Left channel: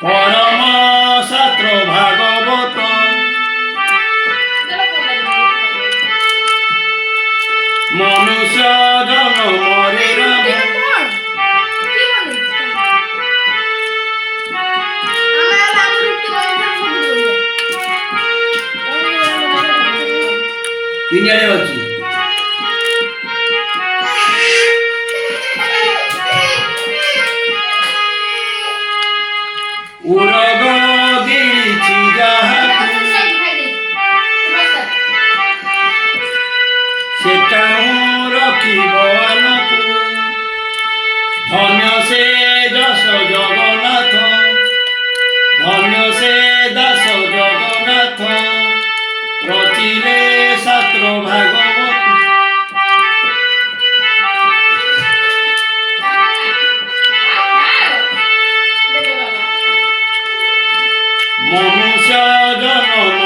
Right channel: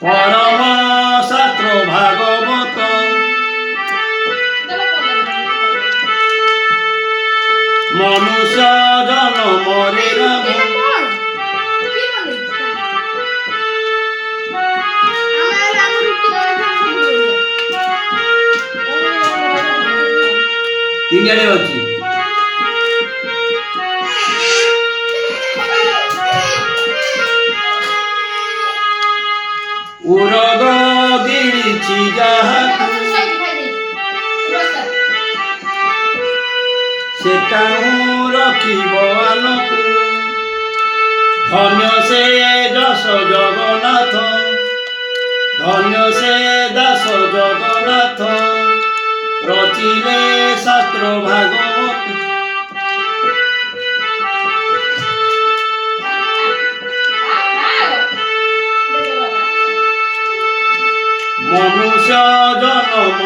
পরম শাস্ত্র ভাগবত মনুষ্য জনমরে রাম তিনিয়ারে ଅଛି ଉରଗ ଗିଳିଛି ଯାହାକୁ ସେଟା ମୁଁ ରଖିବ ଆନକୁ ଧନ୍ୟ ସେ ଯଶ ଜଗନ୍ନାଥ ଧନ୍ୟ ସେ ଦାସ ଜଗନ୍ନାଥ ରଚିଲେ ଶାସ୍ତ୍ର ଭାଗବତ ମନୁଷ୍ୟ ଜନମ